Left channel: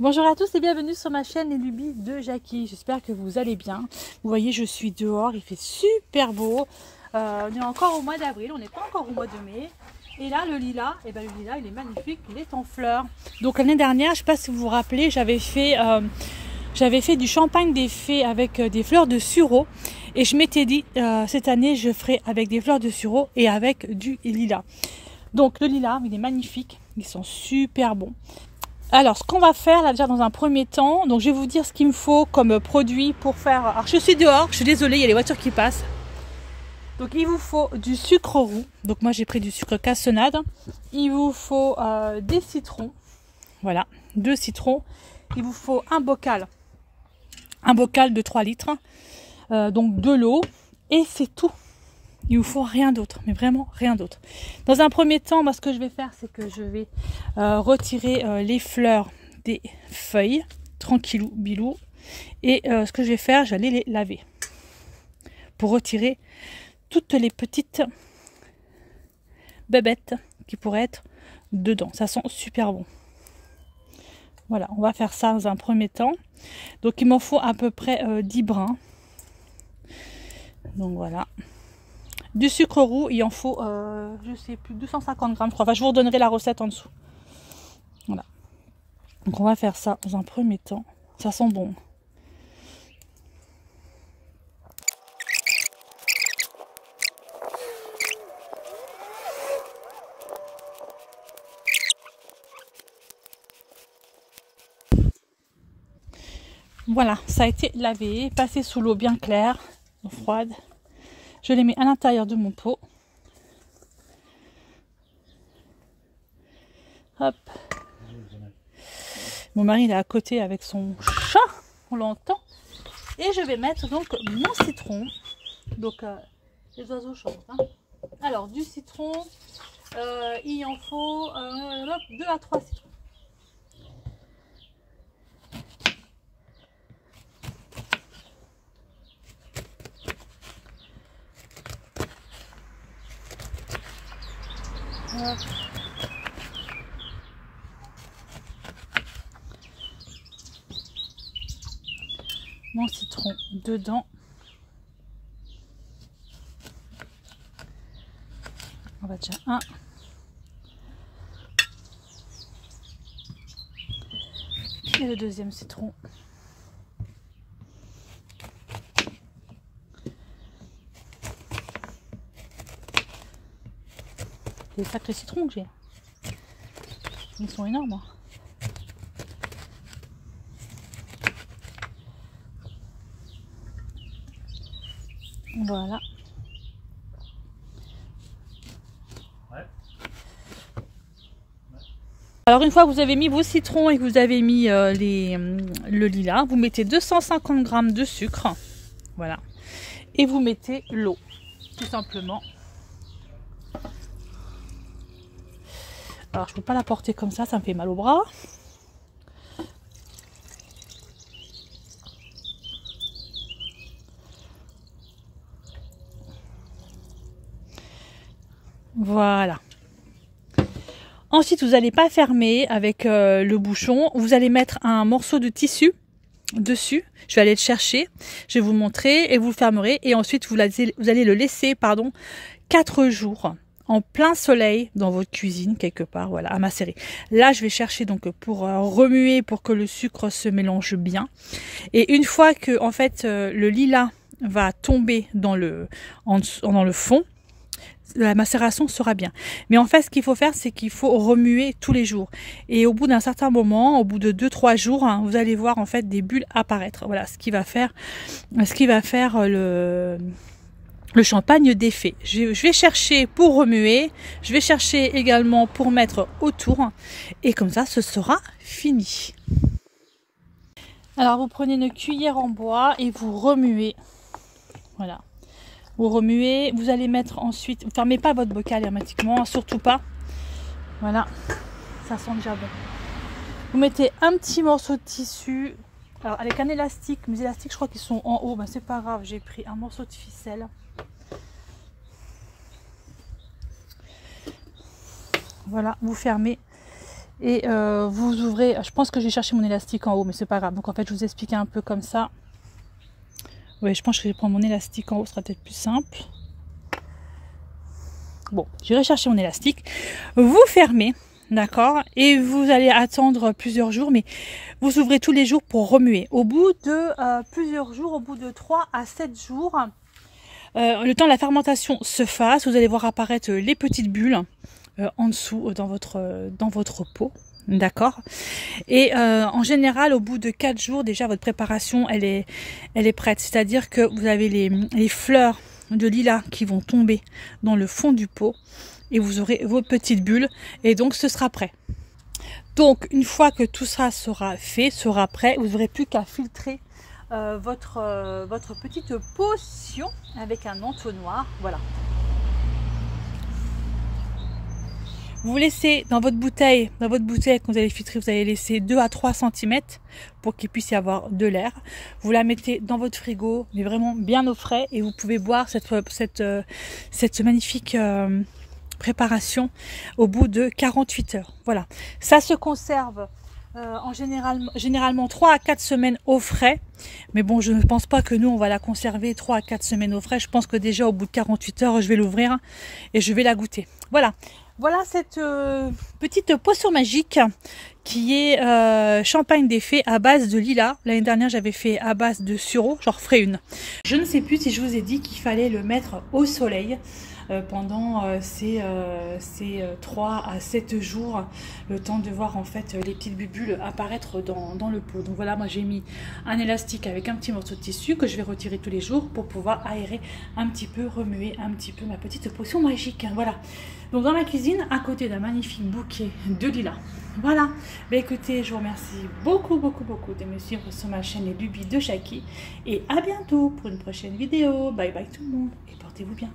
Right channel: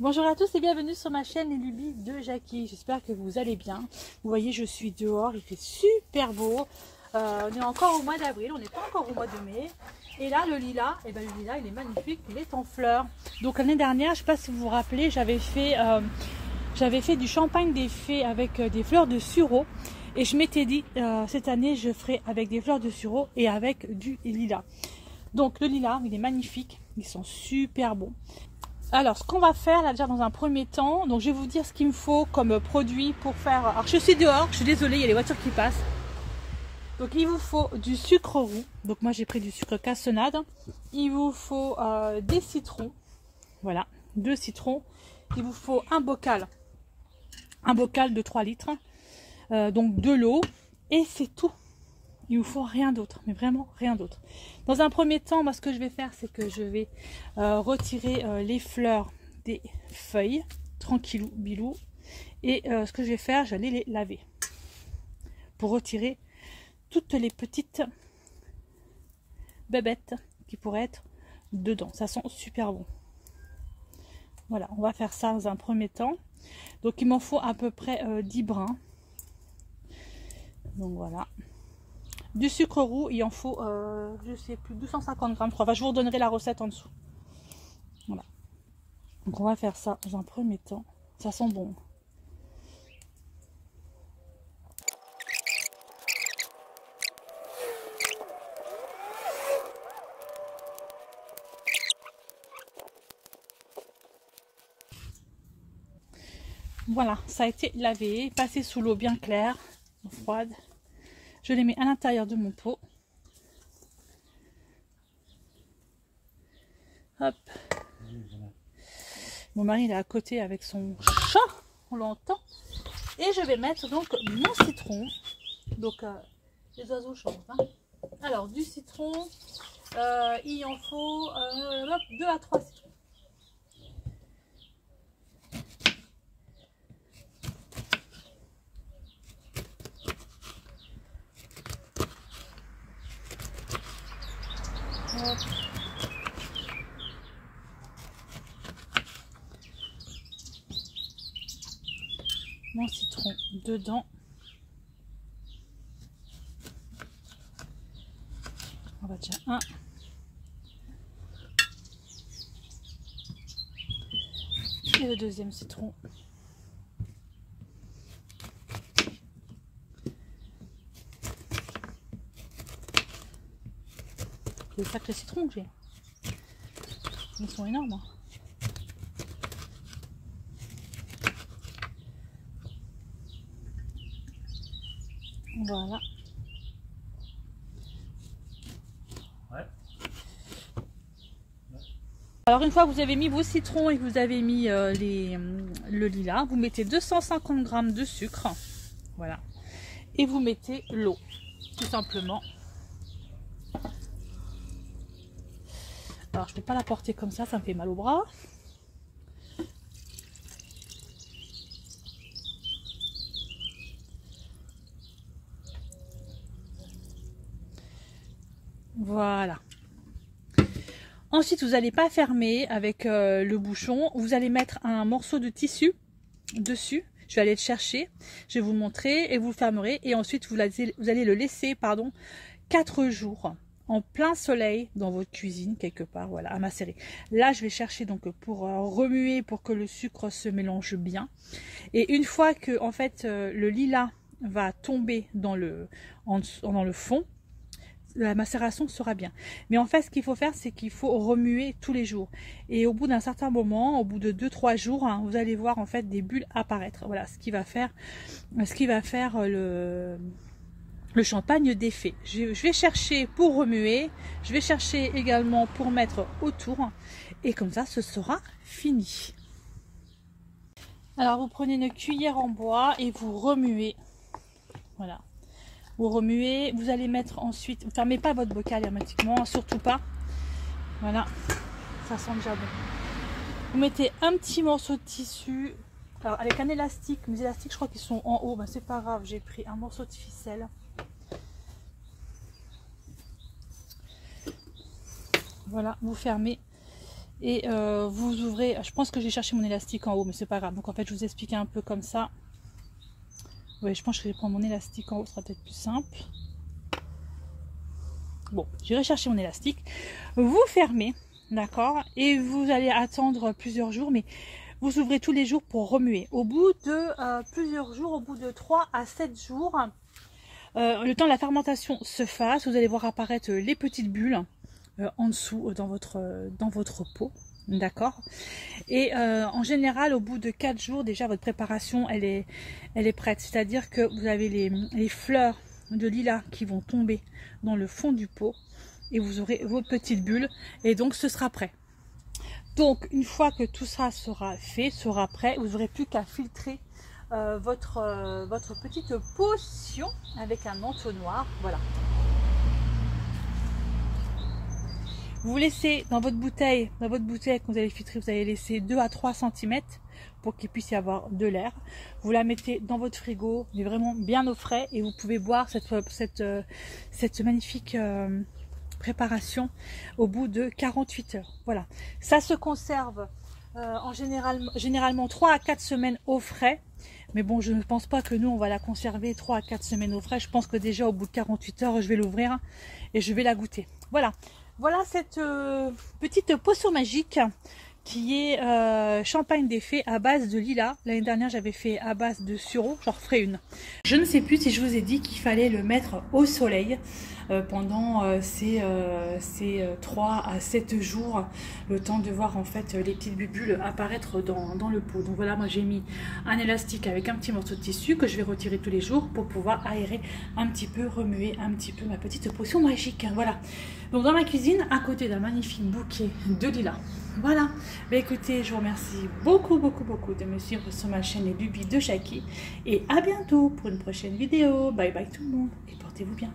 Bonjour à tous et bienvenue sur ma chaîne Les Lubies de Jackie. J'espère que vous allez bien. Vous voyez, je suis dehors, il fait super beau. On est encore au mois d'avril, on n'est pas encore au mois de mai. Et là, le lilas, le lilas, il est magnifique, il est en fleurs. Donc l'année dernière, je ne sais pas si vous vous rappelez, j'avais fait du champagne des fées avec des fleurs de sureau. Et je m'étais dit, cette année, je ferai avec des fleurs de sureau et avec du lilas. Donc le lilas, il est magnifique, ils sont super bons. Alors, ce qu'on va faire là déjà dans un premier temps, donc je vais vous dire ce qu'il me faut comme produit pour faire. Alors, je suis dehors, je suis désolée, il y a les voitures qui passent. Donc, il vous faut du sucre roux. Donc, moi j'ai pris du sucre cassonade. Il vous faut des citrons. Voilà, 2 citrons. Il vous faut un bocal de 3 litres. Donc, de l'eau. Et c'est tout. Il ne vous faut rien d'autre, mais vraiment rien d'autre. Dans un premier temps, moi, ce que je vais faire, c'est que je vais retirer les fleurs des feuilles, tranquillou, bilou. Et ce que je vais faire, j'allais les laver pour retirer toutes les petites bébêtes qui pourraient être dedans. Ça sent super bon. Voilà, on va faire ça dans un premier temps. Donc, il m'en faut à peu près 10 brins. Donc, voilà. Du sucre roux, il en faut, je sais plus, 250 grammes, je crois. Enfin, je vous redonnerai la recette en dessous. Voilà. Donc, on va faire ça dans un premier temps. Ça sent bon. Voilà, ça a été lavé, passé sous l'eau bien claire, froide. Je les mets à l'intérieur de mon pot. Hop. Mon mari il est à côté avec son chat, on l'entend. Et je vais mettre donc mon citron. Donc les oiseaux chantent. Hein. Alors du citron, il en faut 2 à 3 citrons. Mon citron dedans. On va déjà un. Et le deuxième citron. Des sacrés citrons que j'ai. Ils sont énormes. Hein. Voilà. Alors une fois que vous avez mis vos citrons et que vous avez mis le lilas, vous mettez 250 grammes de sucre. Voilà. Et vous mettez l'eau, tout simplement. Alors je ne peux pas la porter comme ça me fait mal au bras. Voilà. Ensuite, vous n'allez pas fermer avec le bouchon. Vous allez mettre un morceau de tissu dessus. Je vais aller le chercher. Je vais vous montrer et vous le fermerez. Et ensuite, vous allez le laisser 4 jours en plein soleil dans votre cuisine quelque part. Voilà, à macérer. Là, je vais chercher donc pour remuer pour que le sucre se mélange bien. Et une fois que en fait le lilas va tomber dans le fond, la macération sera bien. Mais en fait, ce qu'il faut faire, c'est qu'il faut remuer tous les jours. Et au bout d'un certain moment, au bout de 2-3 jours, hein, vous allez voir en fait des bulles apparaître. Voilà, ce qui va faire le champagne des fées. Je vais chercher pour remuer. Je vais chercher également pour mettre autour. Et comme ça, ce sera fini. Alors, vous prenez une cuillère en bois et vous remuez. Voilà. Vous remuez, vous allez mettre ensuite, ne fermez pas votre bocal hermétiquement, surtout pas. Voilà, ça sent déjà bon. Vous mettez un petit morceau de tissu, alors avec un élastique, mes élastiques je crois qu'ils sont en haut, ben c'est pas grave, j'ai pris un morceau de ficelle. Voilà, vous fermez Et vous ouvrez, je pense que j'ai cherché mon élastique en haut, mais c'est pas grave. Donc en fait, je vous explique un peu comme ça. Oui, je pense que je vais prendre mon élastique en haut, ce sera peut-être plus simple. Bon, j'irai chercher mon élastique. Vous fermez, d'accord? Et vous allez attendre plusieurs jours, mais vous ouvrez tous les jours pour remuer. Au bout de plusieurs jours, au bout de 3 à 7 jours, le temps de la fermentation se fasse, vous allez voir apparaître les petites bulles en dessous dans votre pot. D'accord. Et en général, au bout de 4 jours, déjà votre préparation elle est prête. C'est-à-dire que vous avez les fleurs de lilas qui vont tomber dans le fond du pot et vous aurez vos petites bulles et donc ce sera prêt. Donc une fois que tout ça sera fait, sera prêt, vous n'aurez plus qu'à filtrer votre petite potion avec un entonnoir. Voilà. Vous laissez dans votre bouteille quand vous allez filtrer, vous allez laisser 2 à 3 cm pour qu'il puisse y avoir de l'air. Vous la mettez dans votre frigo, mais vraiment bien au frais, et vous pouvez boire cette magnifique préparation au bout de 48 heures. Voilà, ça se conserve généralement 3 à 4 semaines au frais, mais bon, je ne pense pas que nous on va la conserver 3 à 4 semaines au frais. Je pense que déjà au bout de 48 heures je vais l'ouvrir et je vais la goûter. Voilà. Voilà cette petite potion magique qui est champagne des fées à base de lilas. L'année dernière, j'avais fait à base de sureau, j'en referai une. Je ne sais plus si je vous ai dit qu'il fallait le mettre au soleil pendant ces 3 à 7 jours, le temps de voir en fait les petites bulles apparaître dans le pot. Donc voilà, moi j'ai mis un élastique avec un petit morceau de tissu que je vais retirer tous les jours pour pouvoir aérer un petit peu, remuer un petit peu ma petite potion magique. Voilà. Donc dans ma cuisine, à côté d'un magnifique bouquet de lilas. Voilà. Bah, écoutez, je vous remercie beaucoup de me suivre sur ma chaîne Les Lubies de Jackie. Et à bientôt pour une prochaine vidéo. Bye bye tout le monde et portez-vous bien.